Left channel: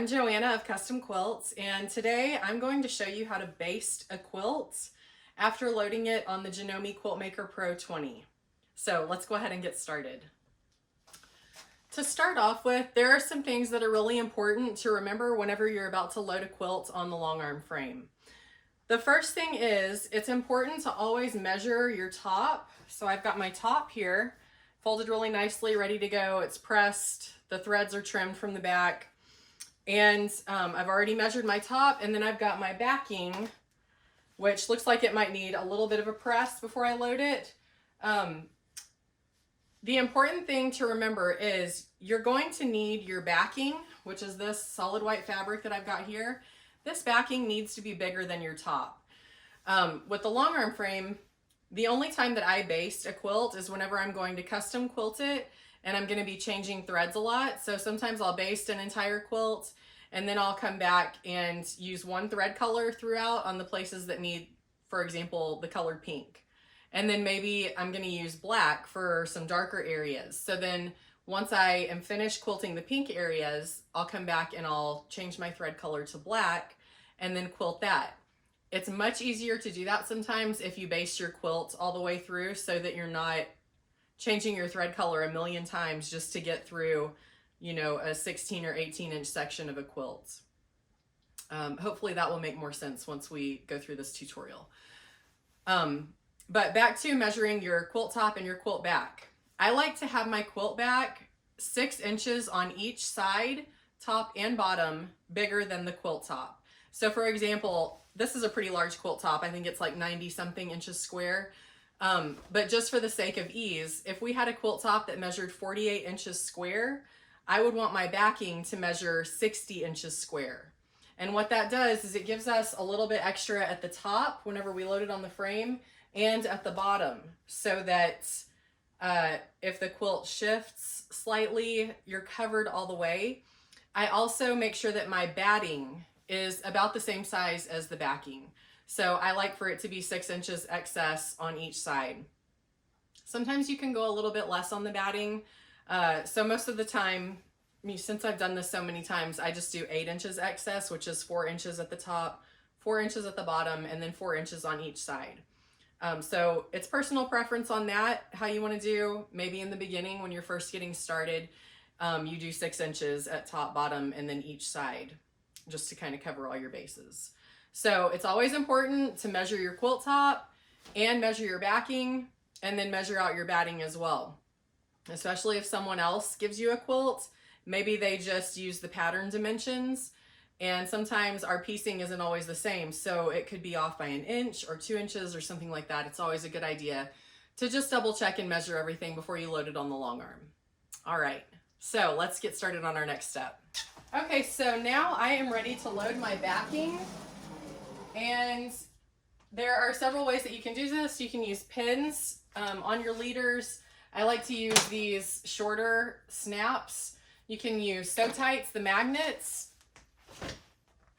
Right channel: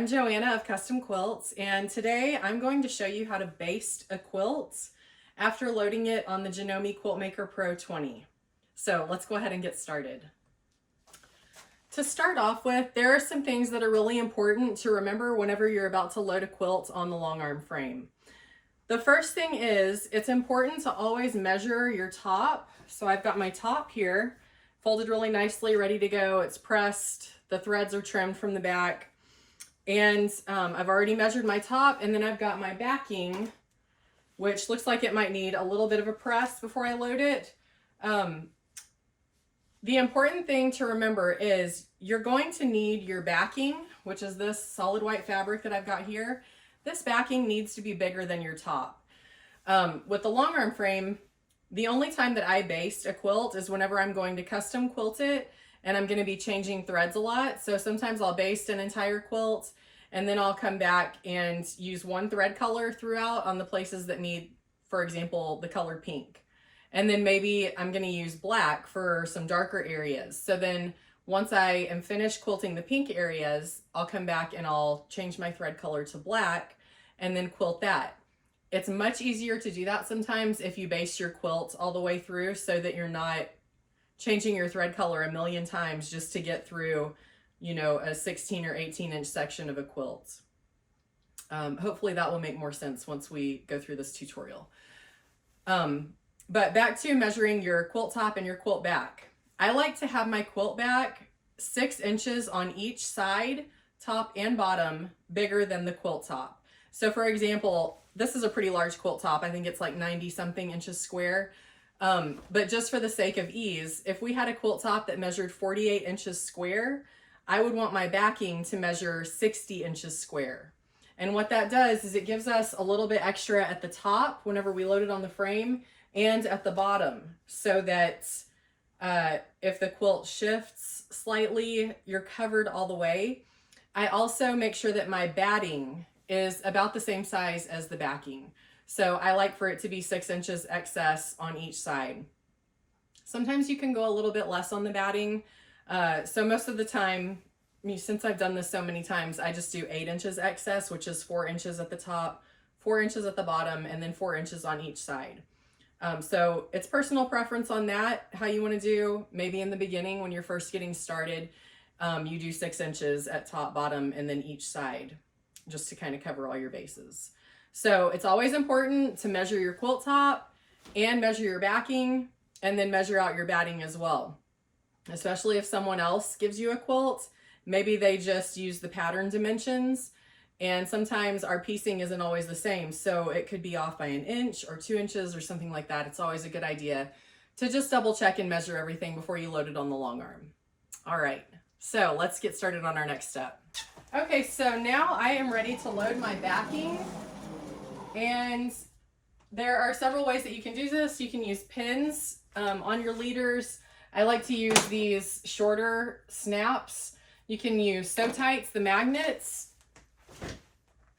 I'm Joanna of Custom Quilts, and today I'm going to show you how to baste a quilt after loading it on the Janome Quilt Maker Pro 20. So let's go ahead and get started. To start off with, there are some things that are really important to remember whenever you're about to load a quilt on the Longarm frame. The first thing is, it's important to always measure your top. So I've got my top here, folded really nicely, ready to go. It's pressed, the threads are trimmed from the back. And I've already measured my top, and then I've got my backing, which looks like it might need a little bit of a press before I load it. The important thing to remember is you're going to need your backing, which is this solid white fabric that I've got here. This backing needs to be bigger than your top. With the Longarm frame, the only time that I baste a quilt is whenever I'm going to custom quilt it and I'm going to be changing threads a lot. So sometimes I'll baste an entire quilt and then I'll come back and use one thread color throughout on the places that need, for example, the color pink. And then maybe I'm going to use black for some darker areas. So then once I am finished quilting the pink areas, I'll come back and I'll change my thread color to black and then quilt that. It's much easier to do that sometimes if you baste your quilt all the way through so that you're not changing your thread color a million times just to get through, you know, a 16 or 18-inch section of a quilt. Hopefully that will make more sense once we go through this tutorial. But back to measuring your quilt top and your quilt back. I like to have my quilt back 6 inches on each side, top and bottom, bigger than the quilt top. So for example, this is a pretty large quilt top. I think it's like 90 something inches square. But just for the sake of ease, if we had a quilt top that measured 48 inches square, I would want my backing to measure 60 inches square. And what that does is it gives us a little bit extra at the top whenever we load it on the frame and at the bottom, so that if the quilt shifts slightly, you're covered all the way. I also make sure that my batting is about the same size as the backing. So I like for it to be 6 inches excess on each side. Sometimes you can go a little bit less on the batting. So most of the time, since I've done this so many times, I just do 8 inches excess, which is 4 inches at the top, 4 inches at the bottom, and then 4 inches on each side. So it's personal preference on that, how you want to do. Maybe in the beginning when you're first getting started, you do 6 inches at top, bottom, and then each side, just to kind of cover all your bases. So it's always important to measure your quilt top and measure your backing, and then measure out your batting as well. Especially if someone else gives you a quilt, maybe they just use the pattern dimensions, and sometimes our piecing isn't always the same. So it could be off by 1 inch or 2 inches or something like that. It's always a good idea to just double check and measure everything before you load it on the Longarm. All right, so let's get started on our next step. Okay, so now I am ready to load my backing, and there are several ways that you can do this. You can use pins on your leaders. I like to use these shorter snaps. You can use sew tights, the magnets.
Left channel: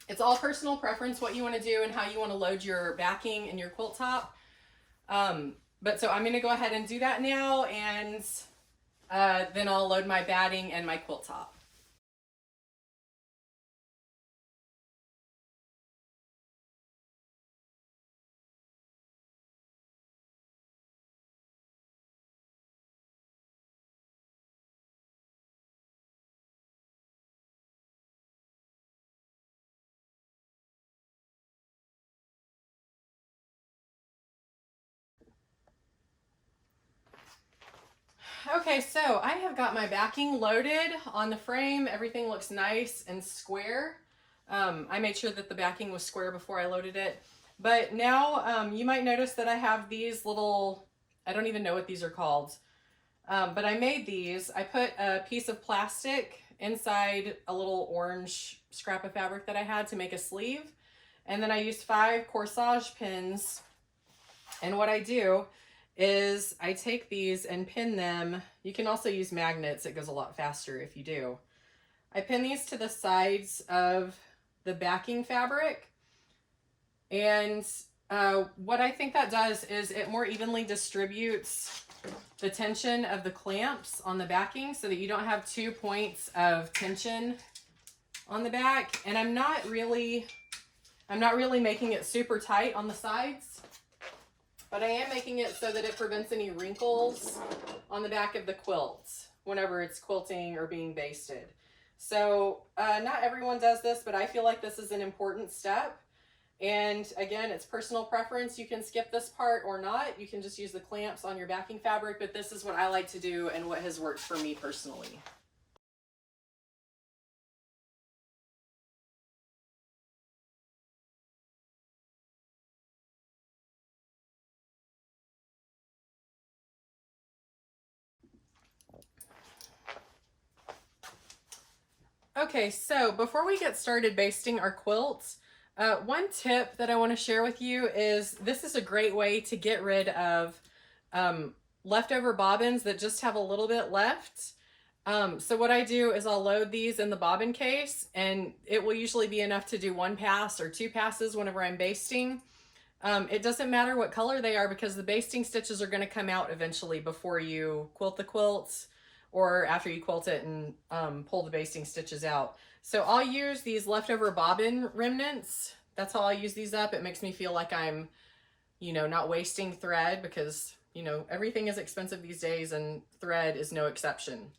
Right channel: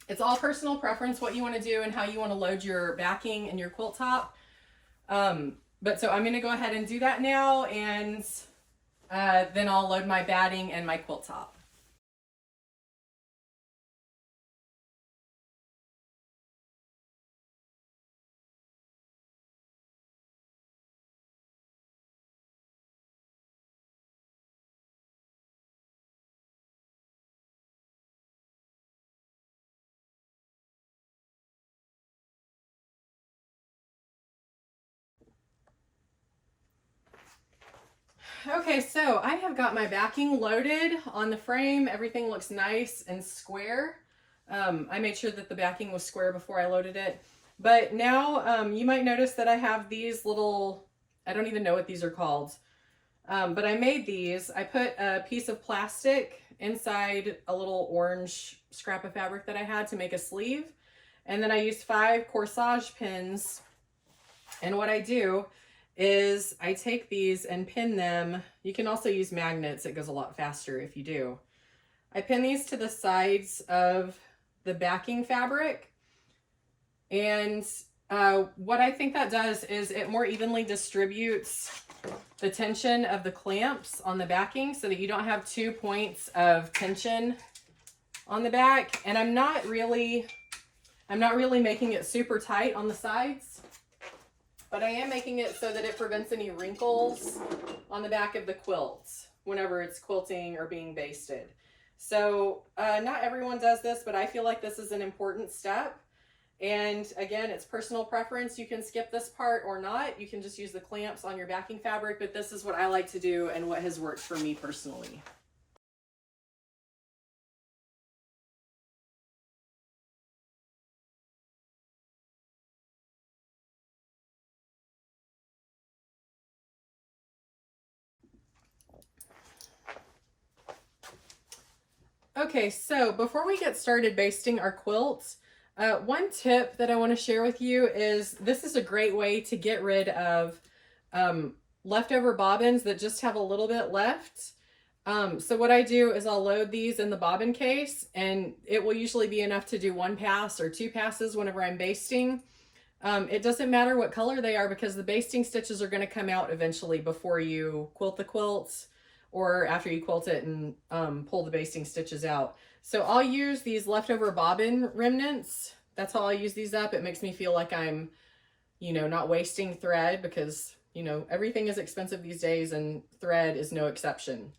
It's all personal preference what you want to do and how you want to load your backing and your quilt top. But so I'm going to go ahead and do that now, and then I'll load my batting and my quilt top. Okay, so I have got my backing loaded on the frame. Everything looks nice and square. I made sure that the backing was square before I loaded it. But now you might notice that I have these little, I don't even know what these are called, but I made these. I put a piece of plastic inside a little orange scrap of fabric that I had to make a sleeve. And then I used 5 corsage pins. And what I do is I take these and pin them. You can also use magnets. It goes a lot faster if you do. I pin these to the sides of the backing fabric. And what I think that does is it more evenly distributes the tension of the clamps on the backing so that you don't have 2 points of tension on the back, and I'm not really making it super tight on the sides, but I am making it so that it prevents any wrinkles on the back of the quilt whenever it's quilting or being basted. So not everyone does this, but I feel like this is an important step. And again, it's personal preference. You can skip this part or not. You can just use the clamps on your backing fabric, but this is what I like to do and what has worked for me personally. Okay, so before we get started basting our quilts, one tip that I want to share with you is this is a great way to get rid of leftover bobbins that just have a little bit left. So what I do is I'll load these in the bobbin case, and it will usually be enough to do 1 pass or 2 passes whenever I'm basting. It doesn't matter what color they are because the basting stitches are going to come out eventually before you quilt the quilts, or after you quilt it and pull the basting stitches out. So I'll use these leftover bobbin remnants. That's how I use these up. It makes me feel like I'm, you know, not wasting thread because, you know, everything is expensive these days and thread is no exception.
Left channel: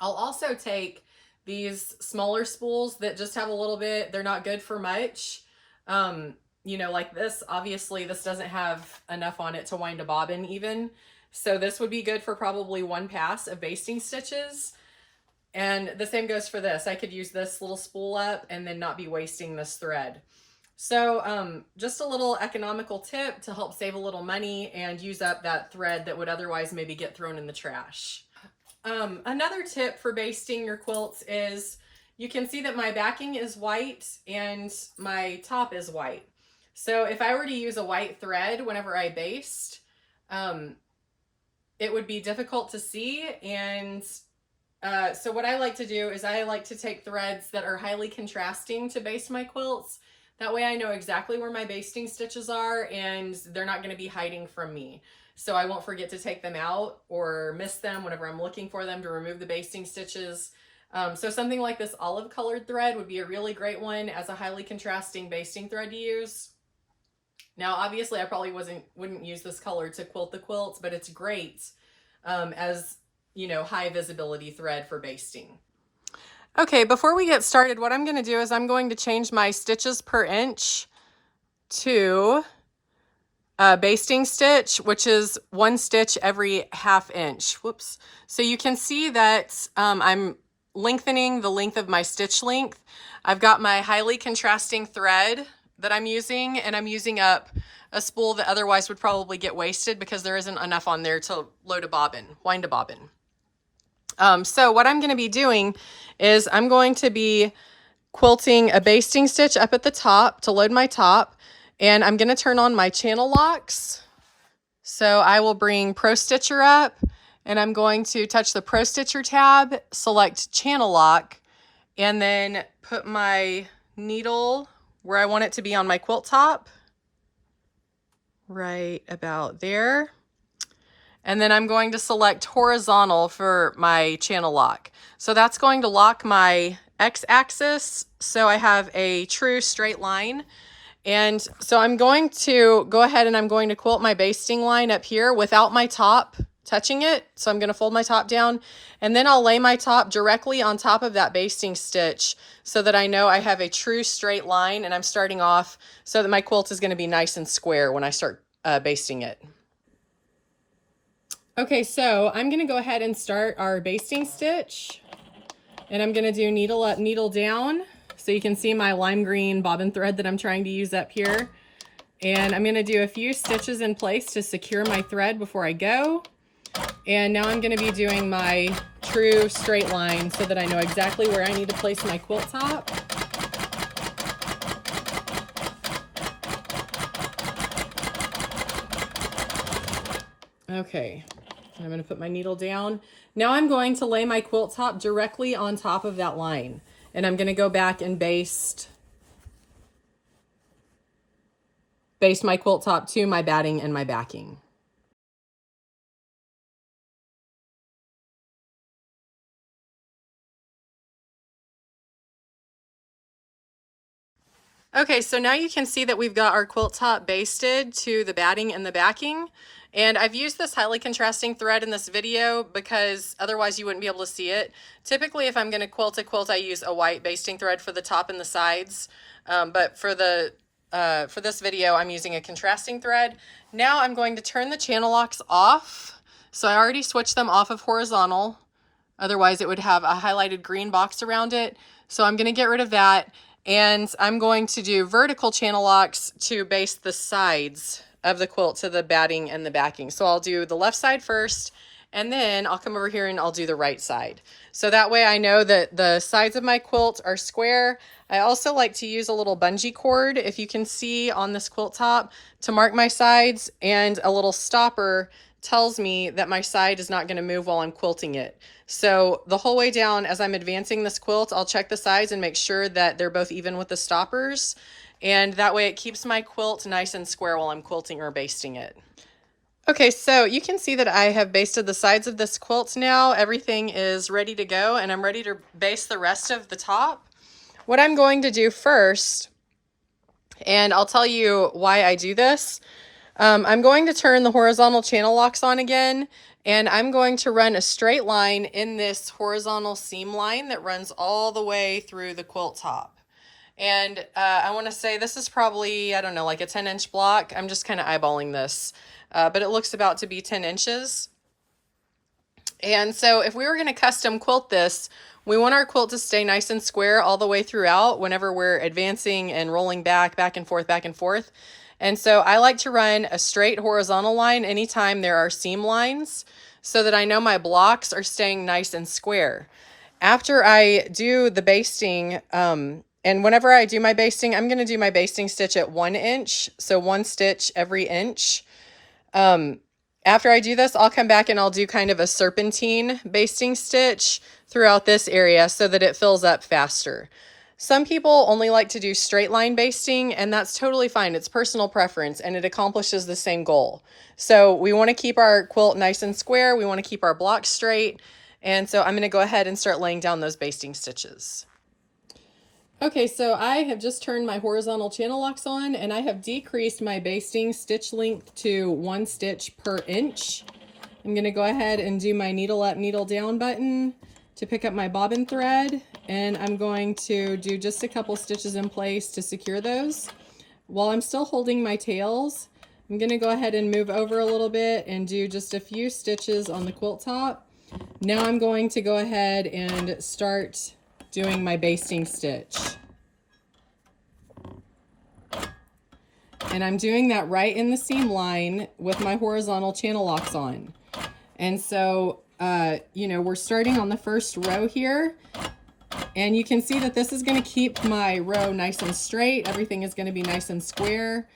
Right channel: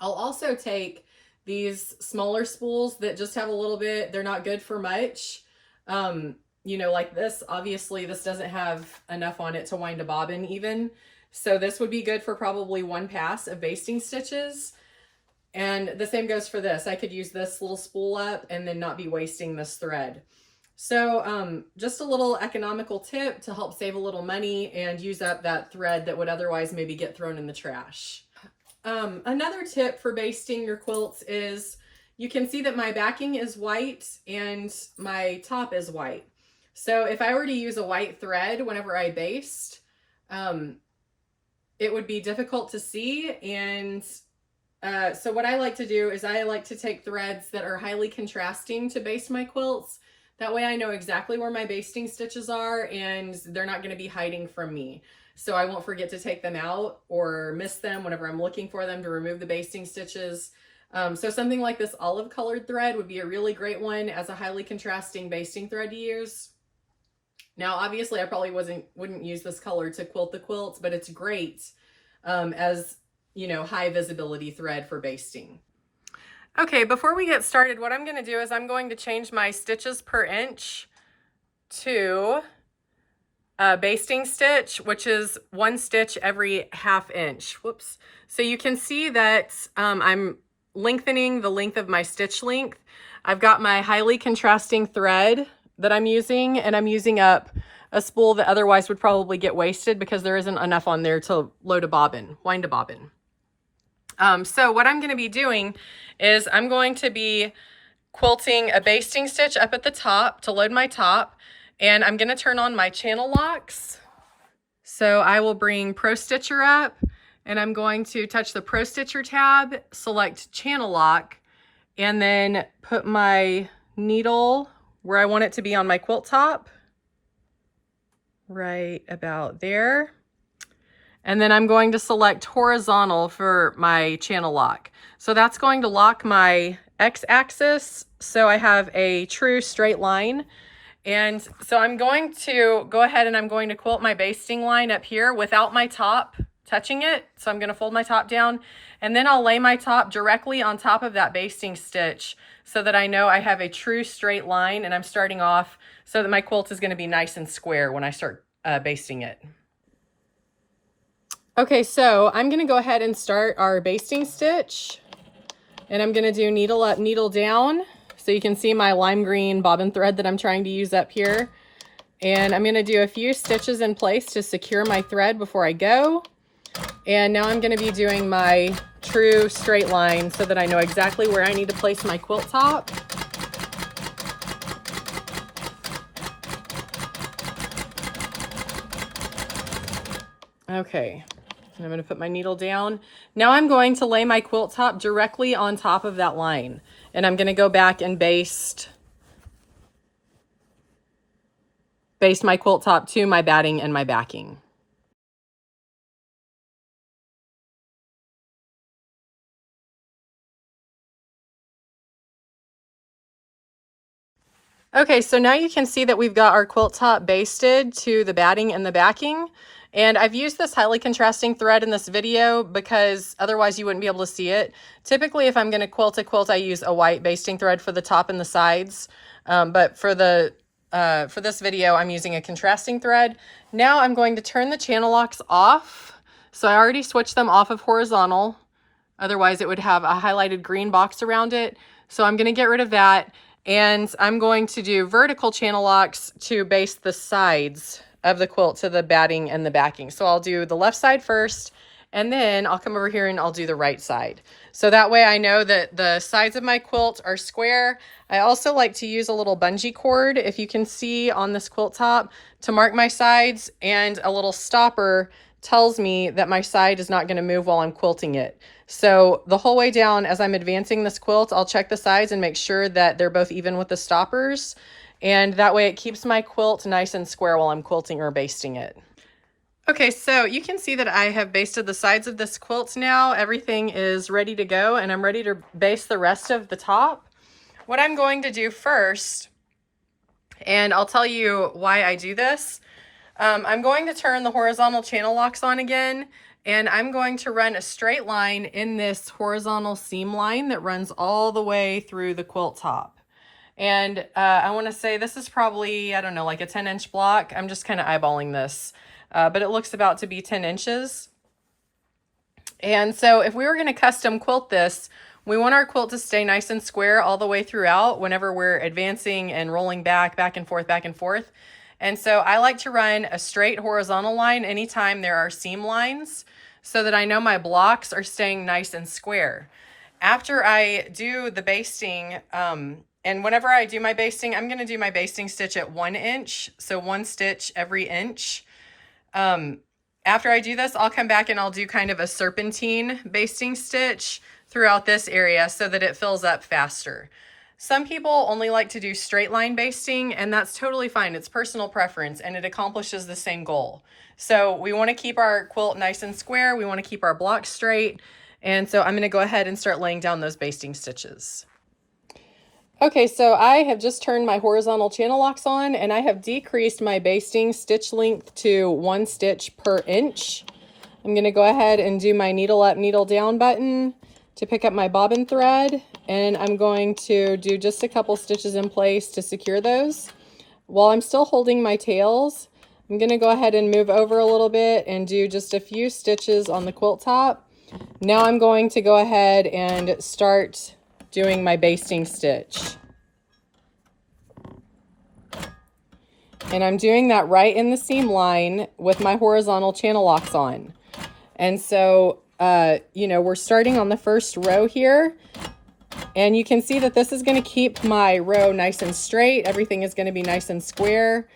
I'll also take these smaller spools that just have a little bit, they're not good for much. You know, like this, obviously this doesn't have enough on it to wind a bobbin even. So this would be good for probably 1 pass of basting stitches. And the same goes for this. I could use this little spool up and then not be wasting this thread. So just a little economical tip to help save a little money and use up that thread that would otherwise maybe get thrown in the trash. Another tip for basting your quilts is you can see that my backing is white and my top is white. So if I were to use a white thread whenever I baste, it would be difficult to see. And so what I like to do is I like to take threads that are highly contrasting to baste my quilts. That way I know exactly where my basting stitches are and they're not going to be hiding from me. So I won't forget to take them out or miss them whenever I'm looking for them to remove the basting stitches. So something like this olive colored thread would be a really great one as a highly contrasting basting thread to use. Now, obviously, I probably wouldn't use this color to quilt the quilts, but it's great as, you know, high visibility thread for basting. Okay, before we get started, what I'm going to do is I'm going to change my stitches per inch to basting stitch, which is 1 stitch every 1/2 inch. Whoops. So you can see that I'm lengthening the length of my stitch length. I've got my highly contrasting thread that I'm using, and I'm using up a spool that otherwise would probably get wasted because there isn't enough on there to load a bobbin, wind a bobbin. So what I'm going to be doing is I'm going to be quilting a basting stitch up at the top to load my top, and I'm going to turn on my channel locks. So I will bring Pro Stitcher up, and I'm going to touch the Pro Stitcher tab, select channel lock, and then put my needle where I want it to be on my quilt top, right about there. And then I'm going to select horizontal for my channel lock. So that's going to lock my x-axis, so I have a true straight line. And so I'm going to go ahead and I'm going to quilt my basting line up here without my top touching it. So I'm going to fold my top down, and then I'll lay my top directly on top of that basting stitch so that I know I have a true straight line, and I'm starting off so that my quilt is going to be nice and square when I start basting it. Okay, so I'm going to go ahead and start our basting stitch, and I'm going to do needle up, needle down. So you can see my lime green bobbin thread that I'm trying to use up here. And I'm going to do a few stitches in place to secure my thread before I go. And now I'm going to be doing my true straight line so that I know exactly where I need to place my quilt top. Okay, I'm going to put my needle down. Now I'm going to lay my quilt top directly on top of that line. And I'm going to go back and baste my quilt top to my batting and my backing. Okay, so now you can see that we've got our quilt top basted to the batting and the backing. And I've used this highly contrasting thread in this video because otherwise you wouldn't be able to see it. Typically, if I'm going to quilt a quilt, I use a white basting thread for the top and the sides. But for this video, I'm using a contrasting thread. Now I'm going to turn the channel locks off. So I already switched them off of horizontal. Otherwise, it would have a highlighted green box around it. So I'm going to get rid of that. And I'm going to do vertical channel locks to baste the sides of the quilt to the batting and the backing. So I'll do the left side first, and then I'll come over here and I'll do the right side. So that way I know that the sides of my quilt are square. I also like to use a little bungee cord, if you can see on this quilt top, to mark my sides, and a little stopper tells me that my side is not going to move while I'm quilting it. So the whole way down, as I'm advancing this quilt, I'll check the sides and make sure that they're both even with the stoppers. And that way it keeps my quilt nice and square while I'm quilting or basting it. Okay, so you can see that I have basted the sides of this quilt now. Everything is ready to go, and I'm ready to baste the rest of the top. What I'm going to do first, and I'll tell you why I do this, I'm going to turn the horizontal channel locks on again, and I'm going to run a straight line in this horizontal seam line that runs all the way through the quilt top. And I want to say this is probably, I don't know, like a 10-inch block. I'm just kind of eyeballing this, but it looks about to be 10 inches. And so if we were going to custom quilt this, we want our quilt to stay nice and square all the way throughout whenever we're advancing and rolling back and forth, back and forth. And so I like to run a straight horizontal line anytime there are seam lines so that I know my blocks are staying nice and square. After I do the basting, and whenever I do my basting, I'm going to do my basting stitch at 1 inch. So 1 stitch every inch. After I do this, I'll come back and I'll do kind of a serpentine basting stitch throughout this area so that it fills up faster. Some people only like to do straight line basting, and that's totally fine. It's personal preference, and it accomplishes the same goal. So we want to keep our quilt nice and square. We want to keep our blocks straight. And so I'm going to go ahead and start laying down those basting stitches. Okay, so I have just turned my horizontal channel locks on, and I have decreased my basting stitch length to 1 stitch per inch. I'm going to go ahead and do my needle up, needle down button to pick up my bobbin thread, and I'm going to do just a couple stitches in place to secure those. While I'm still holding my tails, I'm going to go ahead and move over a little bit and do just a few stitches on the quilt top. Now I'm going to go ahead and start doing my basting stitch. And I'm doing that right in the seam line with my horizontal channel locks on. And so, you know, we're starting on the first row here, and you can see that this is going to keep my row nice and straight. Everything is going to be nice and square.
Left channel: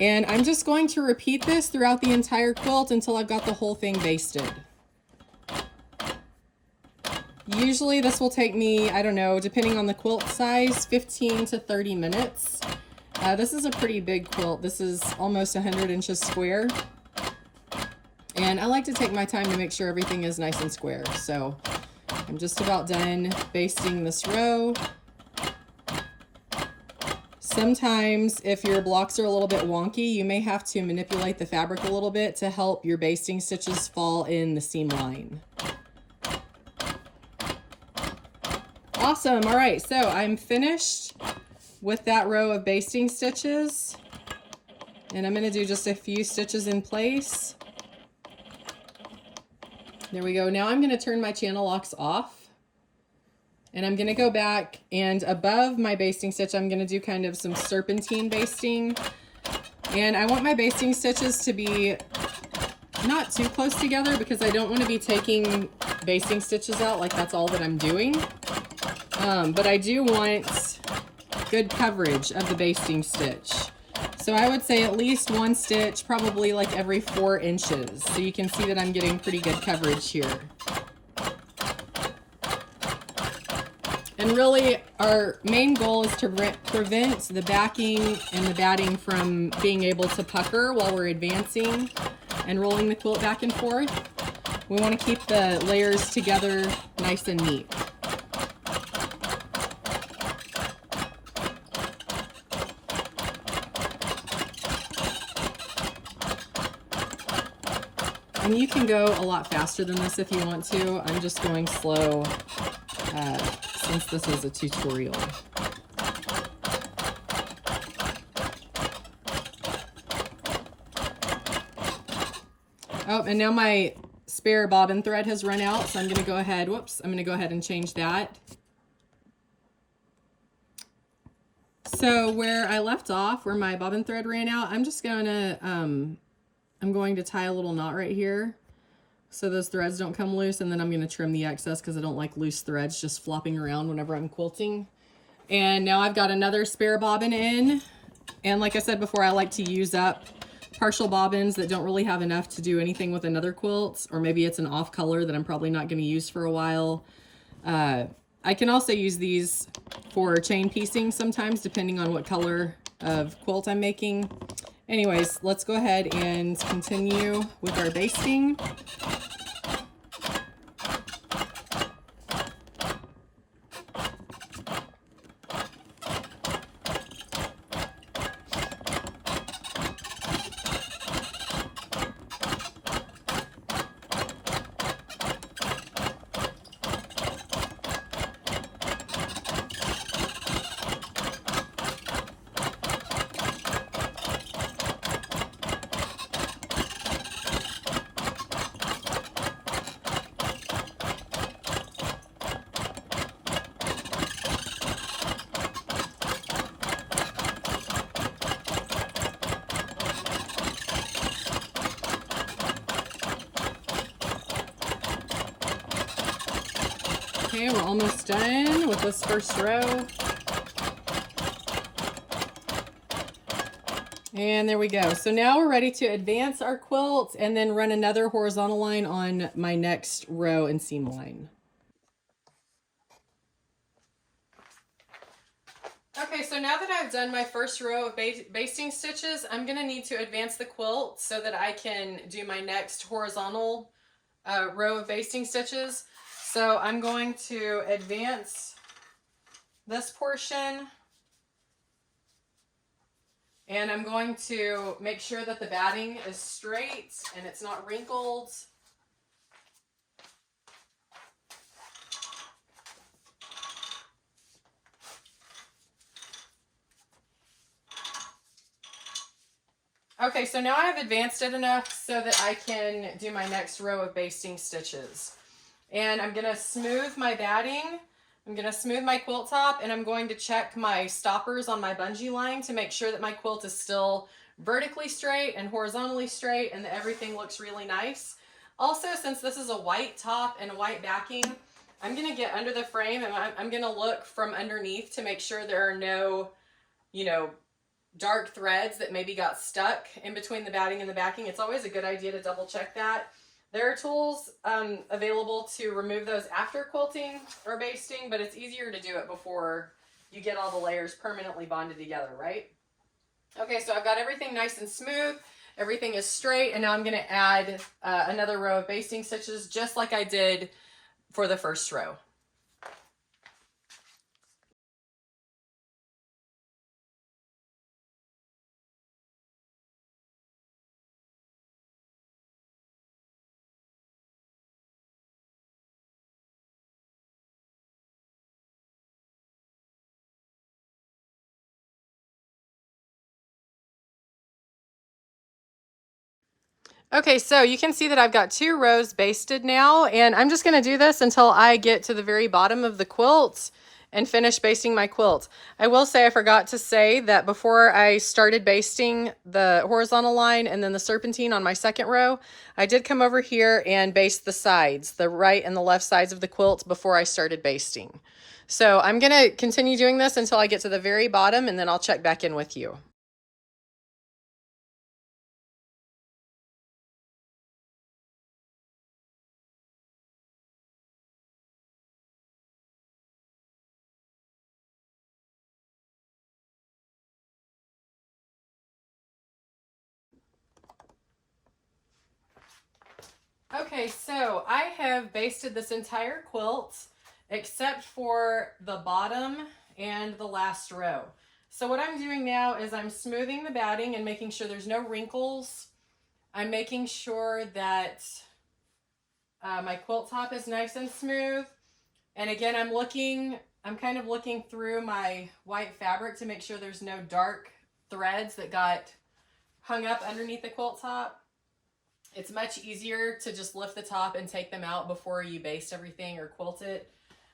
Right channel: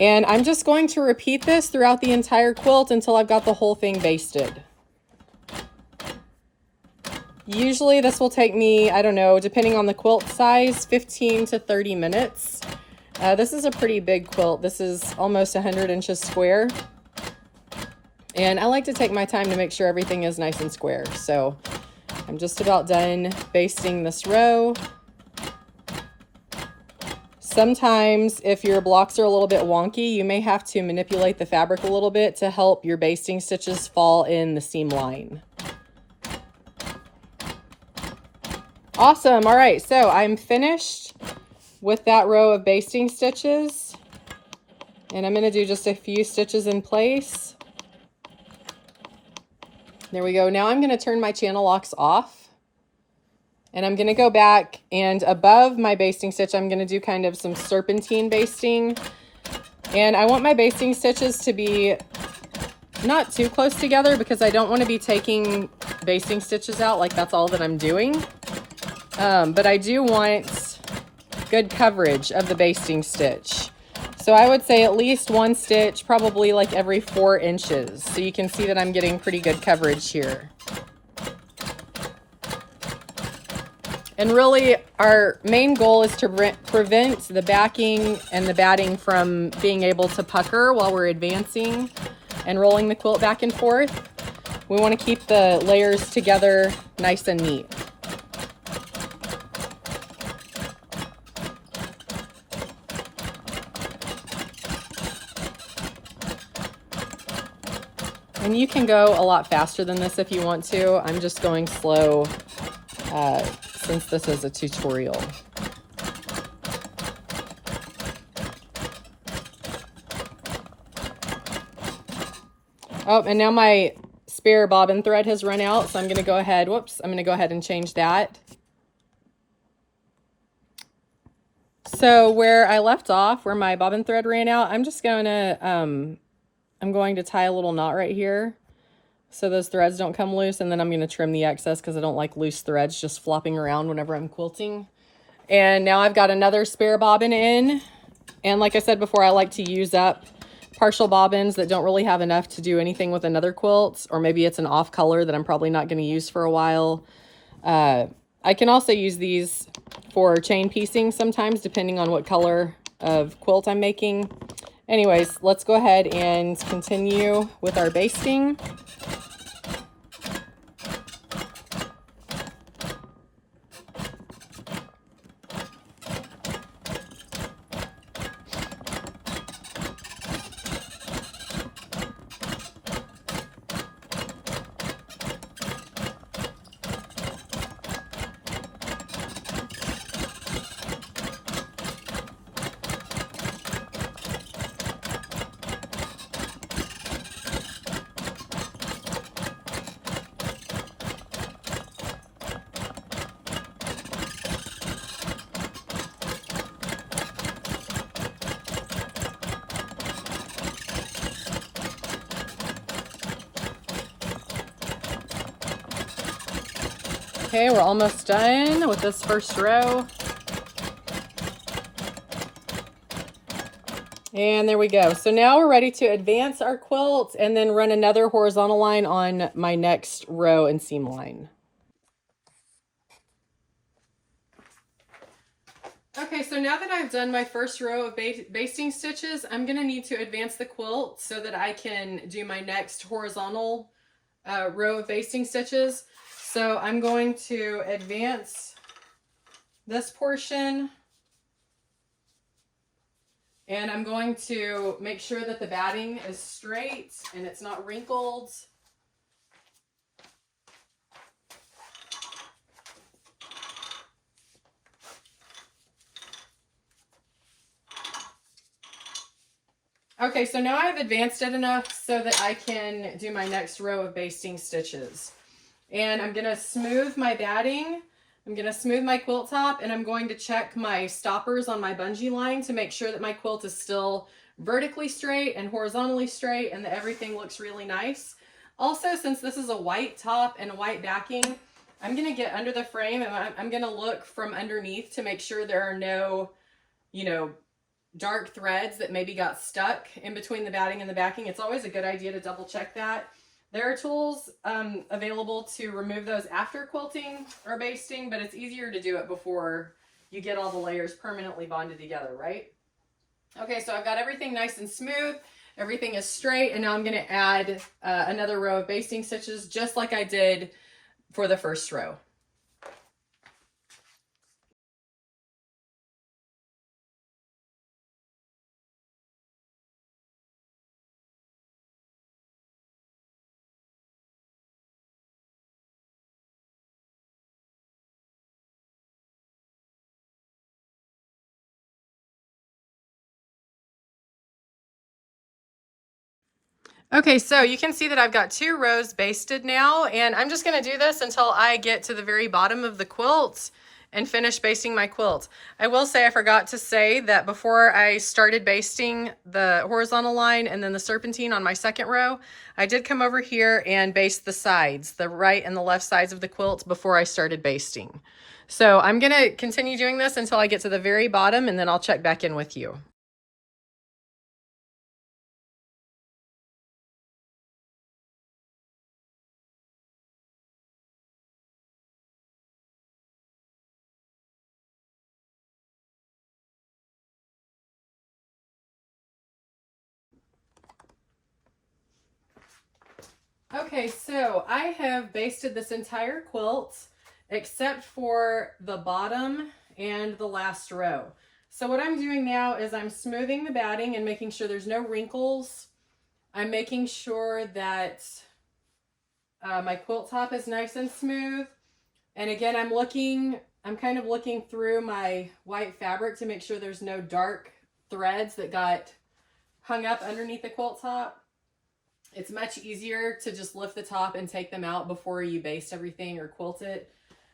And I'm just going to repeat this throughout the entire quilt until I've got the whole thing basted. Usually this will take me, I don't know, depending on the quilt size, 15 to 30 minutes. This is a pretty big quilt. This is almost 100 inches square. And I like to take my time to make sure everything is nice and square. So I'm just about done basting this row. Sometimes if your blocks are a little bit wonky, you may have to manipulate the fabric a little bit to help your basting stitches fall in the seam line. Awesome. All right, so I'm finished with that row of basting stitches, and I'm going to do just a few stitches in place. There we go. Now I'm going to turn my channel locks off, and I'm going to go back, and above my basting stitch, I'm going to do kind of some serpentine basting. And I want my basting stitches to be not too close together because I don't want to be taking basting stitches out like that's all that I'm doing. But I do want good coverage of the basting stitch. So I would say at least 1 stitch, probably like every 4 inches. So you can see that I'm getting pretty good coverage here. And really our main goal is to prevent the backing and the batting from being able to pucker while we're advancing and rolling the quilt back and forth. We want to keep the layers together nice and neat. And you can go a lot faster than this if you want to. I'm just going slow since this is a tutorial. Oh, and now my spare bobbin thread has run out, so I'm going to go ahead, whoops, I'm going to go ahead and change that. So where I left off, where my bobbin thread ran out, I'm just going to, I'm going to tie a little knot right here so those threads don't come loose, and then I'm going to trim the excess because I don't like loose threads just flopping around whenever I'm quilting. And now I've got another spare bobbin in, and like I said before, I like to use up partial bobbins that don't really have enough to do anything with another quilt, or maybe it's an off color that I'm probably not going to use for a while. I can also use these for chain piecing sometimes, depending on what color of quilt I'm making. Anyways, let's go ahead and continue with our basting. Okay, we're almost done with this first row. And there we go. So now we're ready to advance our quilt and then run another horizontal line on my next row and seam line. Okay, so now that I've done my first row of basting stitches, I'm going to need to advance the quilt so that I can do my next horizontal row of basting stitches. So I'm going to advance this portion, and I'm going to make sure that the batting is straight and it's not wrinkled. Okay, so now I have advanced it enough so that I can do my next row of basting stitches. And I'm going to smooth my batting, I'm going to smooth my quilt top, and I'm going to check my stoppers on my bungee line to make sure that my quilt is still vertically straight and horizontally straight and that everything looks really nice. Also, since this is a white top and a white backing, I'm going to get under the frame and I'm going to look from underneath to make sure there are no, dark threads that maybe got stuck in between the batting and the backing. It's always a good idea to double check that. There are tools available to remove those after quilting or basting, but it's easier to do it before you get all the layers permanently bonded together, right? Okay, so I've got everything nice and smooth. Everything is straight, and now I'm going to add another row of basting stitches just like I did for the first row. Okay, so you can see that I've got 2 rows basted now, and I'm just going to do this until I get to the very bottom of the quilt and finish basting my quilt. I will say I forgot to say that before I started basting the horizontal line and then the serpentine on my second row, I did come over here and baste the sides, the right and the left sides of the quilt before I started basting. So I'm going to continue doing this until I get to the very bottom, and then I'll check back in with you. Okay, so I have basted this entire quilt except for the bottom and the last row. So what I'm doing now is I'm smoothing the batting and making sure there's no wrinkles I'm making sure that my quilt top is nice and smooth. And again, I'm kind of looking through my white fabric to make sure there's no dark threads that got hung up underneath the quilt top. It's much easier to just lift the top and take them out before you baste everything or quilt it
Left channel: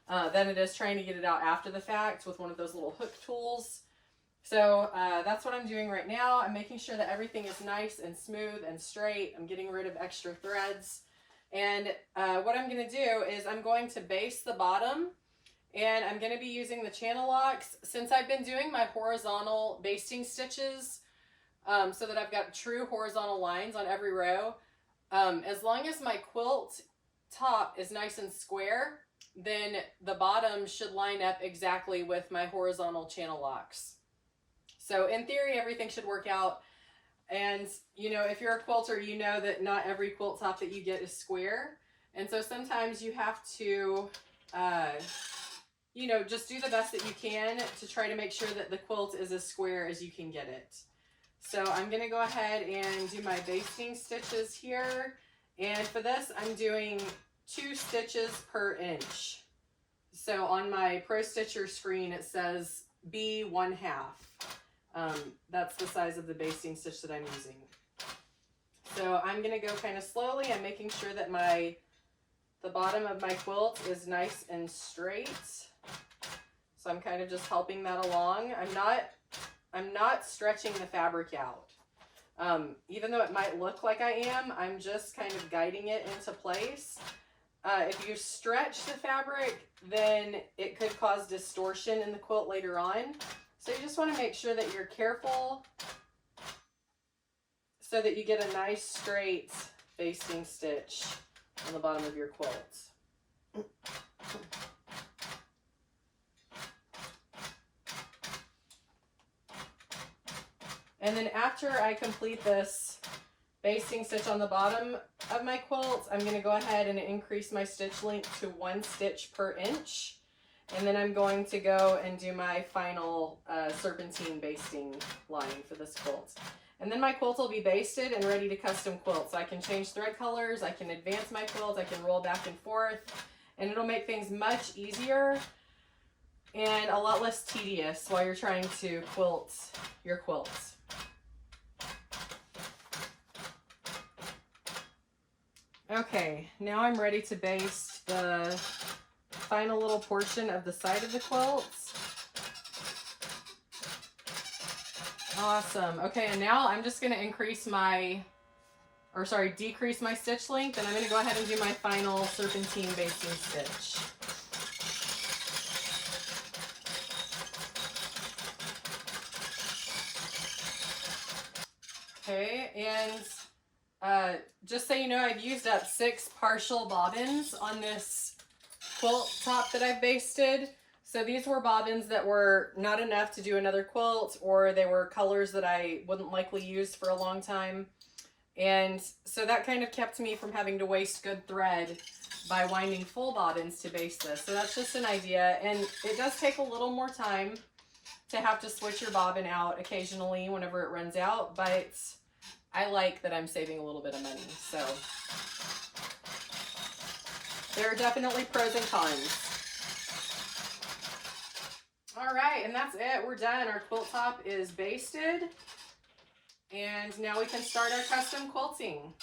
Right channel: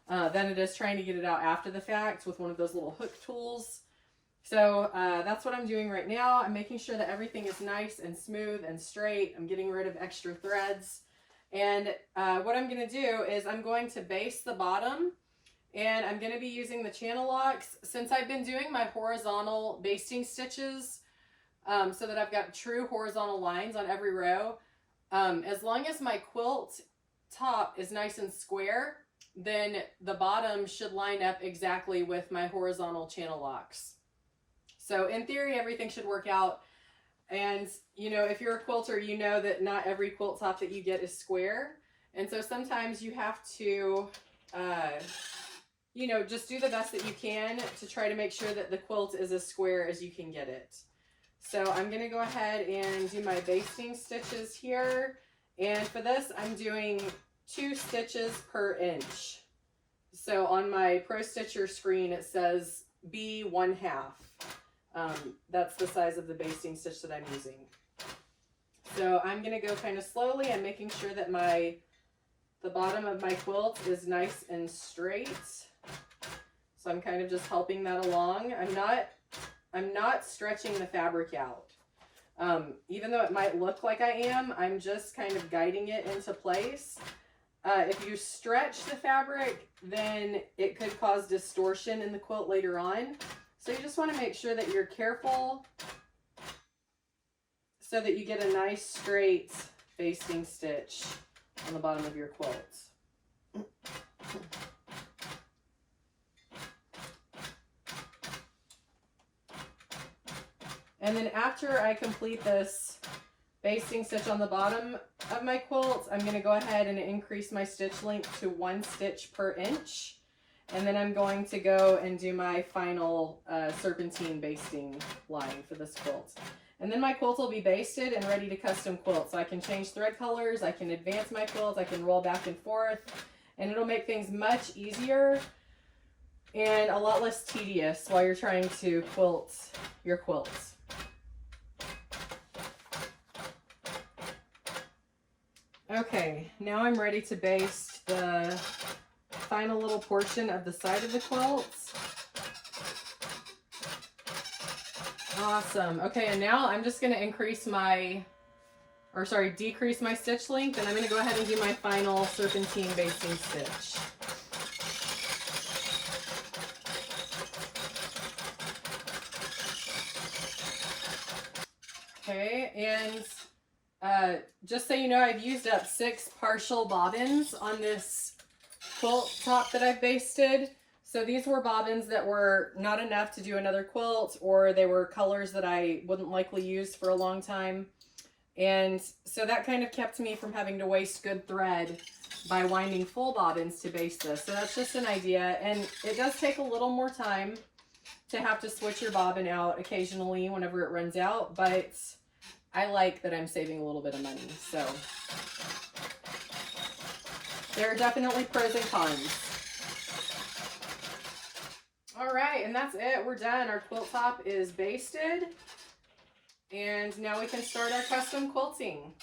than it is trying to get it out after the fact with one of those little hook tools. So that's what I'm doing right now. I'm making sure that everything is nice and smooth and straight. I'm getting rid of extra threads. And what I'm going to do is I'm going to baste the bottom, and I'm going to be using the channel locks. Since I've been doing my horizontal basting stitches so that I've got true horizontal lines on every row, as long as my quilt top is nice and square, then the bottom should line up exactly with my horizontal channel locks. So in theory, everything should work out. And, you know, if you're a quilter, you know that not every quilt top that you get is square. And so sometimes you have to, you know, just do the best that you can to try to make sure that the quilt is as square as you can get it. So I'm going to go ahead and do my basting stitches here. And for this, I'm doing 2 stitches per inch. So on my Pro Stitcher screen, it says B 1/2. That's the size of the basting stitch that I'm using. So I'm going to go kind of slowly. I'm making sure that the bottom of my quilt is nice and straight. So I'm kind of just helping that along. I'm not stretching the fabric out. Even though it might look like I am, I'm just kind of guiding it into place. If you stretch the fabric, then it could cause distortion in the quilt later on. So you just want to make sure that you're careful so that you get a nice straight basting stitch on the bottom of your quilt. And then after I complete this basting stitch on the bottom of my quilt, I'm going to go ahead and increase my stitch length to 1 stitch per inch. And then I'm going to go and do my final serpentine basting line for this quilt. And then my quilt will be basted and ready to custom quilt. So I can change thread colors, I can advance my quilt, I can roll back and forth, and it'll make things much easier and a lot less tedious while you're trying to quilt your quilts. Okay, now I'm ready to baste the final little portion of the side of the quilt. Awesome. Okay, and now I'm just going to decrease my stitch length, and I'm going to go ahead and do my final serpentine basting stitch. Okay, and just so you know, I've used up 6 partial bobbins on this quilt top that I've basted. So these were bobbins that were not enough to do another quilt, or they were colors that I wouldn't likely use for a long time. And so that kind of kept me from having to waste good thread by winding full bobbins to baste this. So that's just an idea. And it does take a little more time to have to switch your bobbin out occasionally whenever it runs out, but I like that I'm saving a little bit of money. So there are definitely pros and cons. All right, and that's it. We're done. Our quilt top is basted. And now we can start our custom quilting.